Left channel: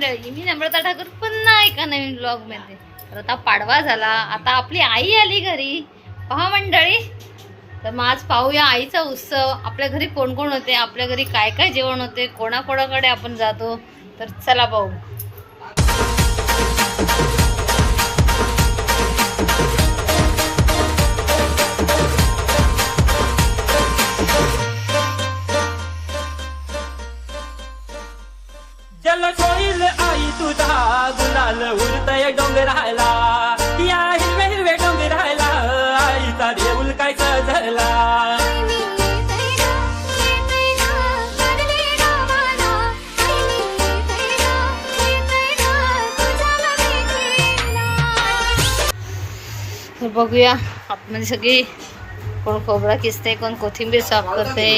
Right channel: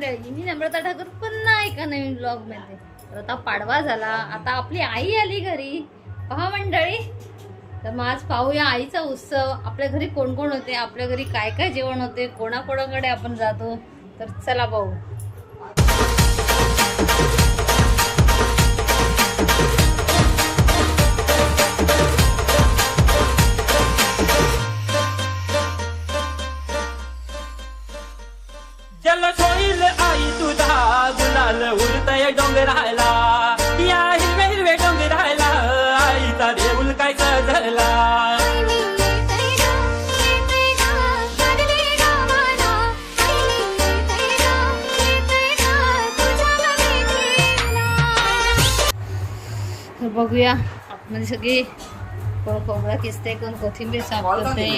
मंडळी, मी नम्रता ठाकूर पुन्हा एका नवीन ब्लॉग मध्ये. तर आता पाडवा झाला, आता आपली आई आली घरी. पहा मंडळी, तर मग आज पाहूया आईचा उत्सव. आपल्या घरी कोण कोण होते, आपल्या घरी काय काय जेवण होते, कोणाकोणाकडे आपण जातो. तर चला पाहू. जल आई तुझा गुलाल उडतय डोंगराला, या हिरवे हिरवे डोंगराला आईचा देऊल काय सजला. तर बघूया आतमध्ये सगळी कोण खोबरा किसते, कोण कोथिंबीर साफ करते.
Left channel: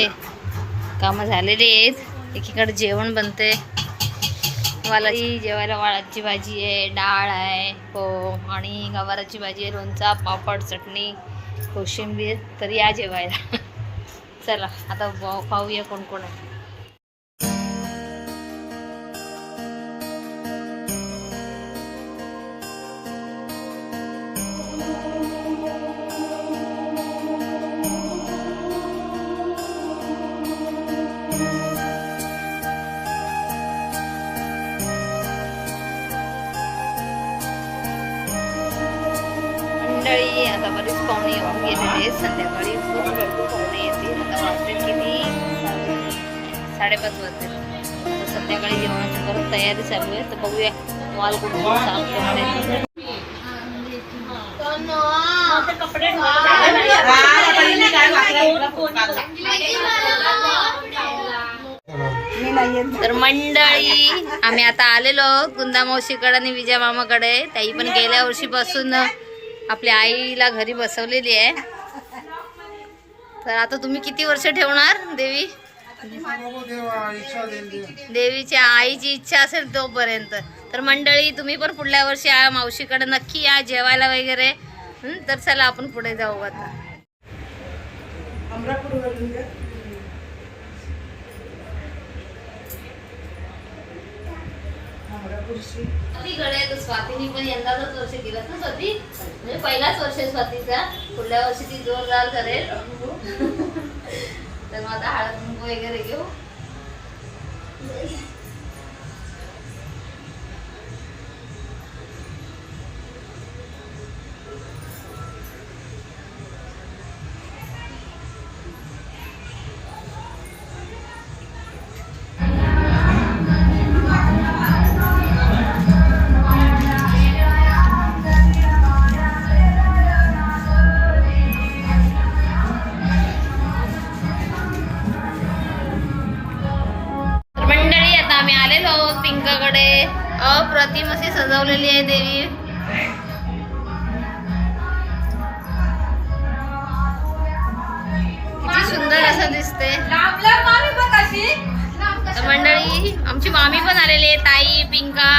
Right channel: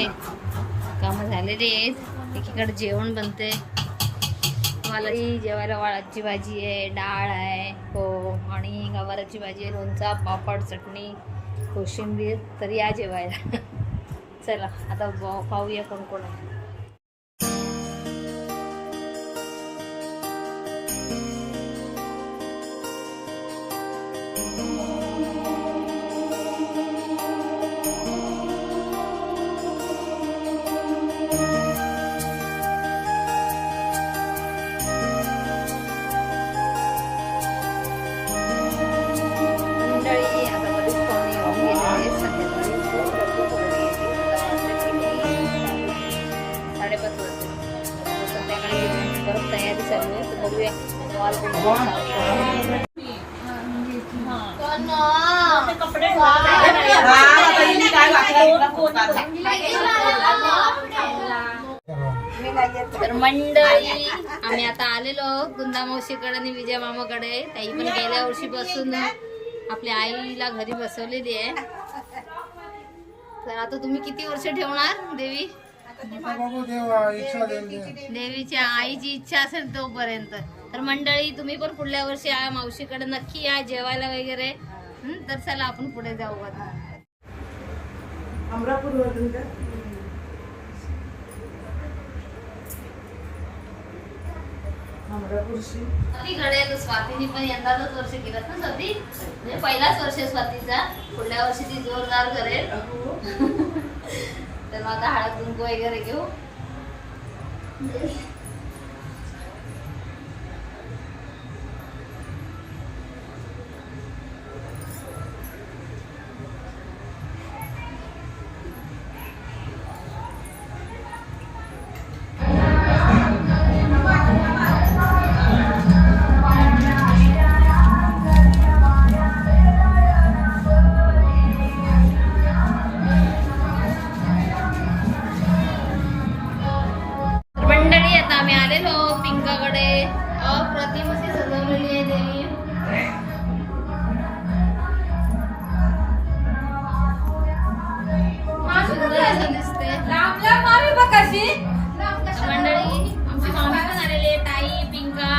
कामं झालेली आहेत. एकीकडे जेवण बनते. मला जेवायला वाळाची भाजी आहे, डाळ आहे हो, आणि गवाराची भाजी आहे, लोणचा, पापड, चटणी, कोशिंबीर. तर या जेवायला. चला आता पाहूया कोण कोण आहे. मंडळी, आता बरीच पाहुणे येऊन गेलेले आहेत. संध्याकाळी खूप गर्दी पाहुणे येतील. आता वाजतील किती, 5:30 वाजतील. तर संध्याकाळी जेवणाची परत तयारी चालू आहे. तर बघूया माल कोण कोण साफ करते. तर मंडळी, आम्ही आता आलेलो गुंदा मावशीकडे आणि विजय मामाकडे. ताई पण गेल्या वर्षीपासून आपल्या आईला घरी बसवलेली आहे. तर आता तुम्ही किती वर्ष ठेवणार देवी? देवीच्या आईची इच्छा असेल तोपर्यंत. तर मंडळी, तुम्ही पण पुढल्या वर्षी मावशीकडे नक्की या जेवायला वगैरे. तर चला आपण पुढे जाऊ आता. स्वातीने पण यंदाच वर्ष केलं ना स्वाती, म्हणजे पहिलाच वर्ष स्वातीचा. पुढल्या वर्षी ती जोरदार करेल. तर आता हळद कुंकू वगैरे घेऊ. पिंकाकडे अप्रतिम अशी सजवलेली आहे देवी. किती सुंदर असं दिसते. तर मंडळी, आमची मामी पण आलेली आहे, ताई, पिंका.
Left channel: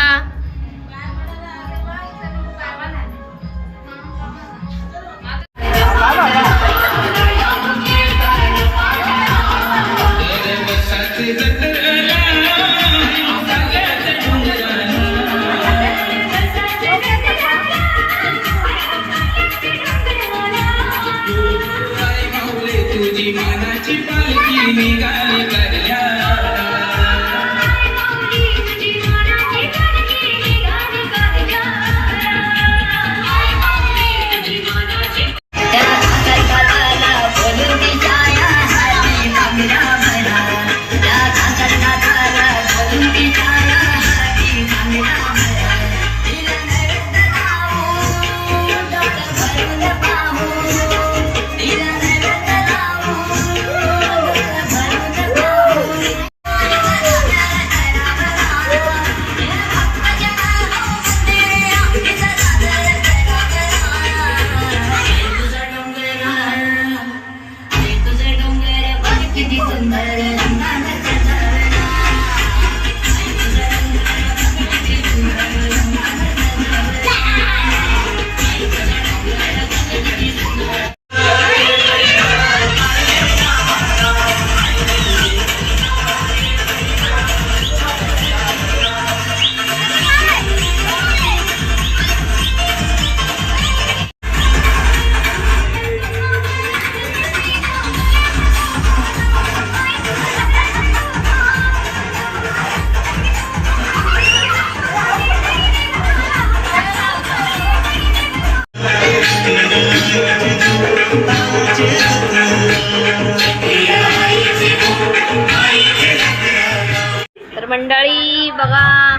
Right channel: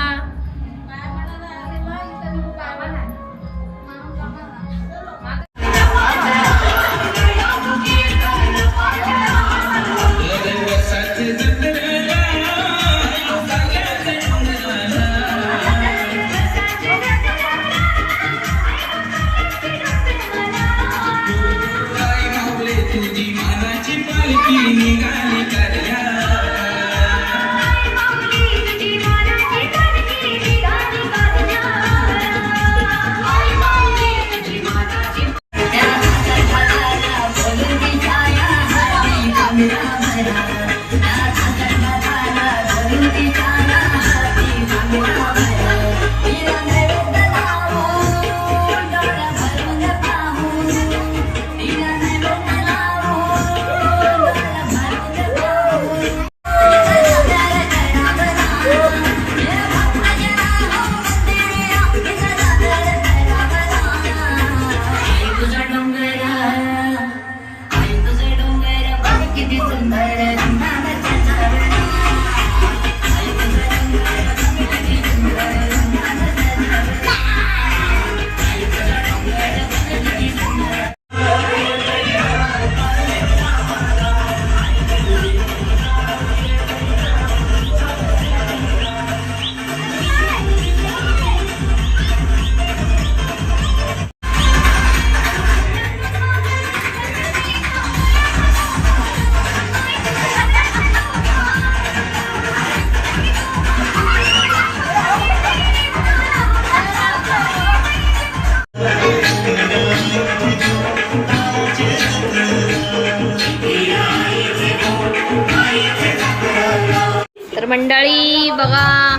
तर मंडळी बघा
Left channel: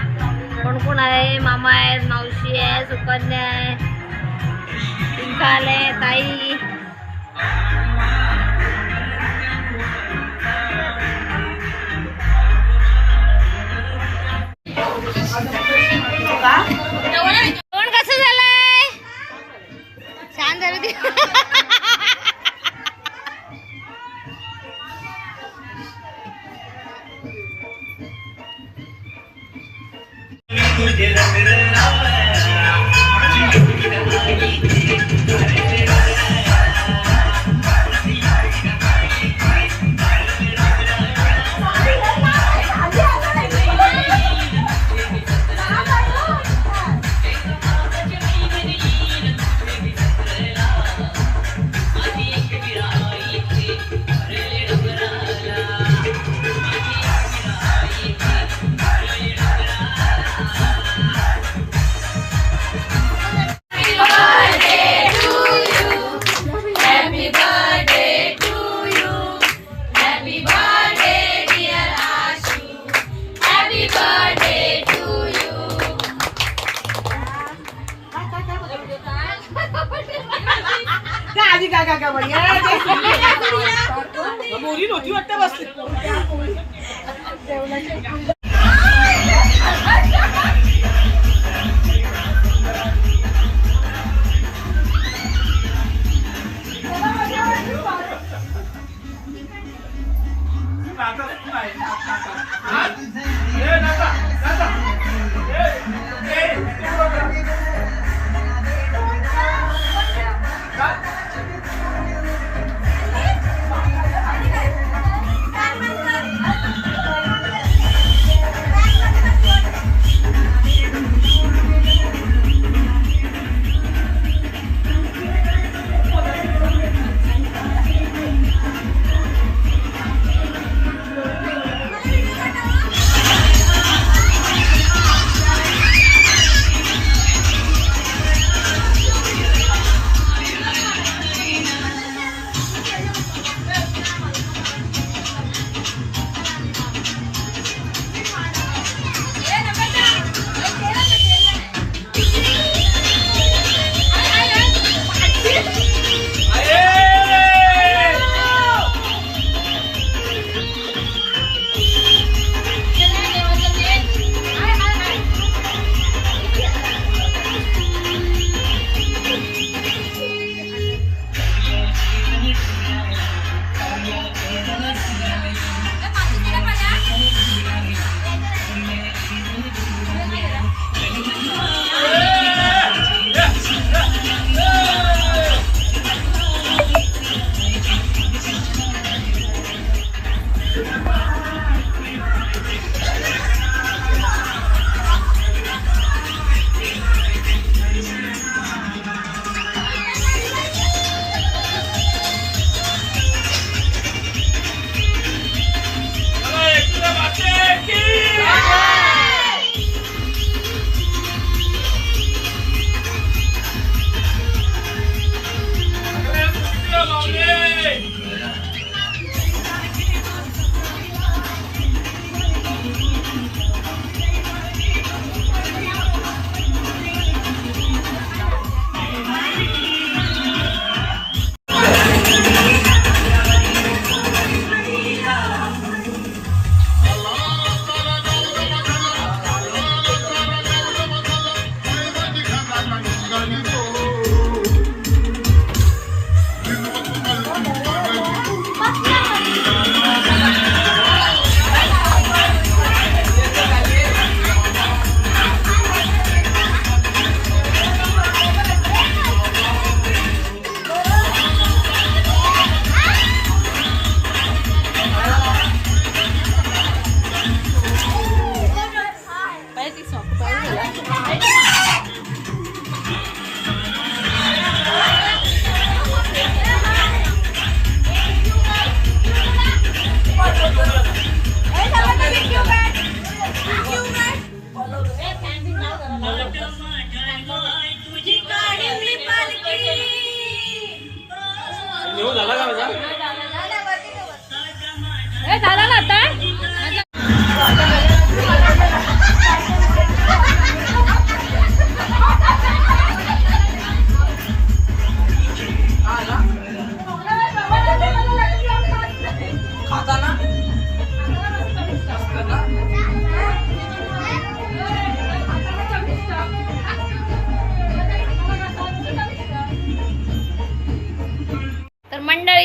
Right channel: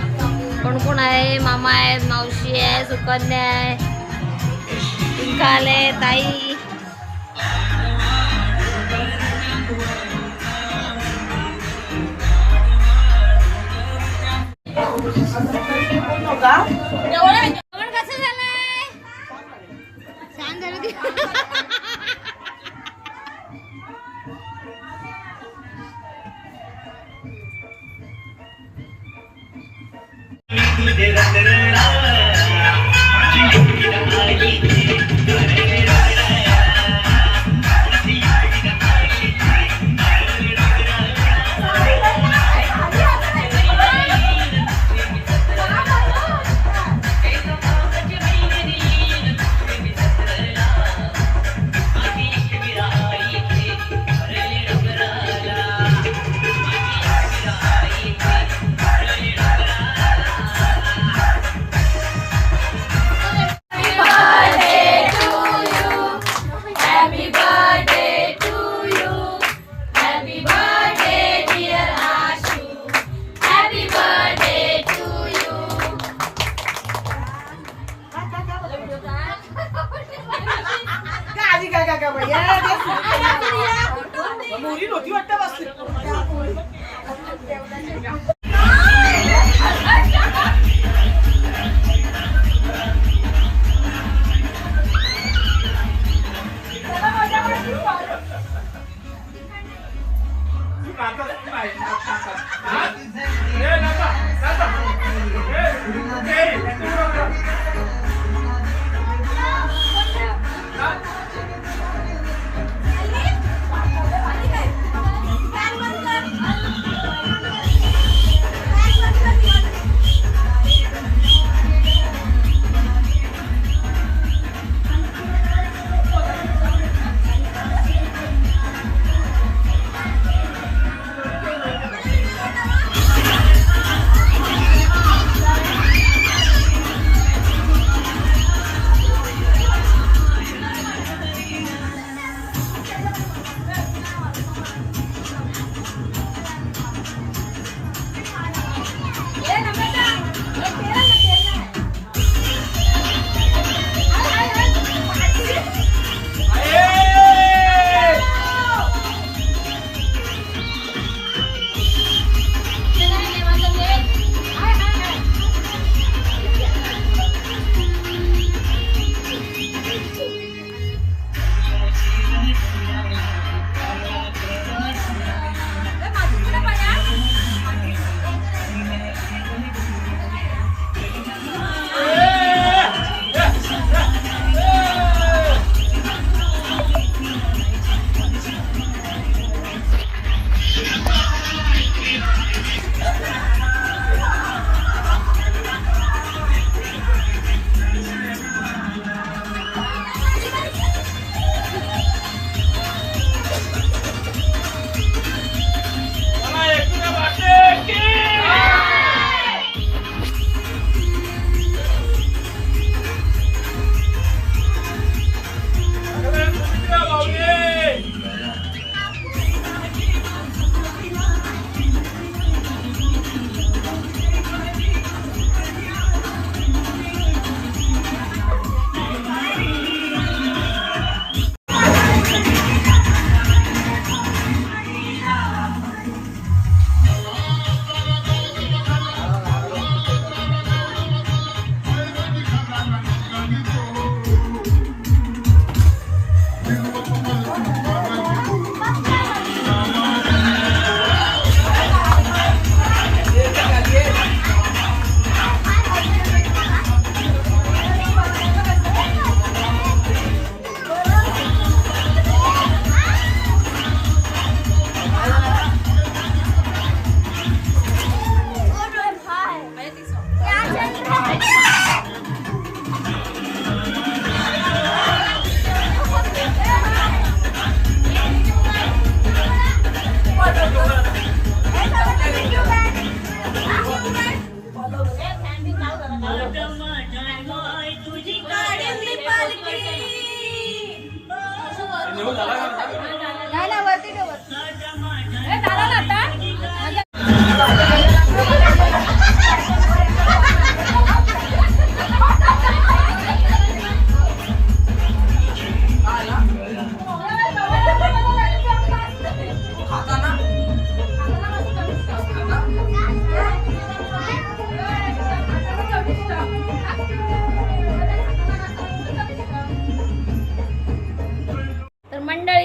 कोण कोण आहे. मामा आहेत, मावशी आहे, सुकन्या आहे, पिंका आले, ताई. जेवण कसं झालंय? छान झालं ते.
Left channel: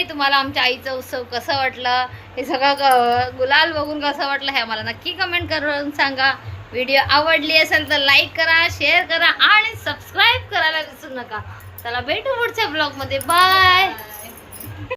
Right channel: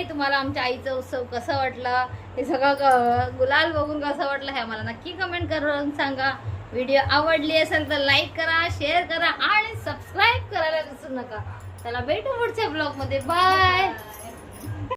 मंडळी, तुम्हाला आमच्या आईचा उत्सव कसं वाटलं, हे सगळं गुलाल बघून कसं वाटलं हे आम्हाला नक्की कमेंट करून सांगा. व्हिडिओ आवडली असेल तर लाईक करा, शेअर करा आणि सबस्क्राईब करायला विसरू नका. चला भेटू पुढच्या ब्लॉगमध्ये. बाय.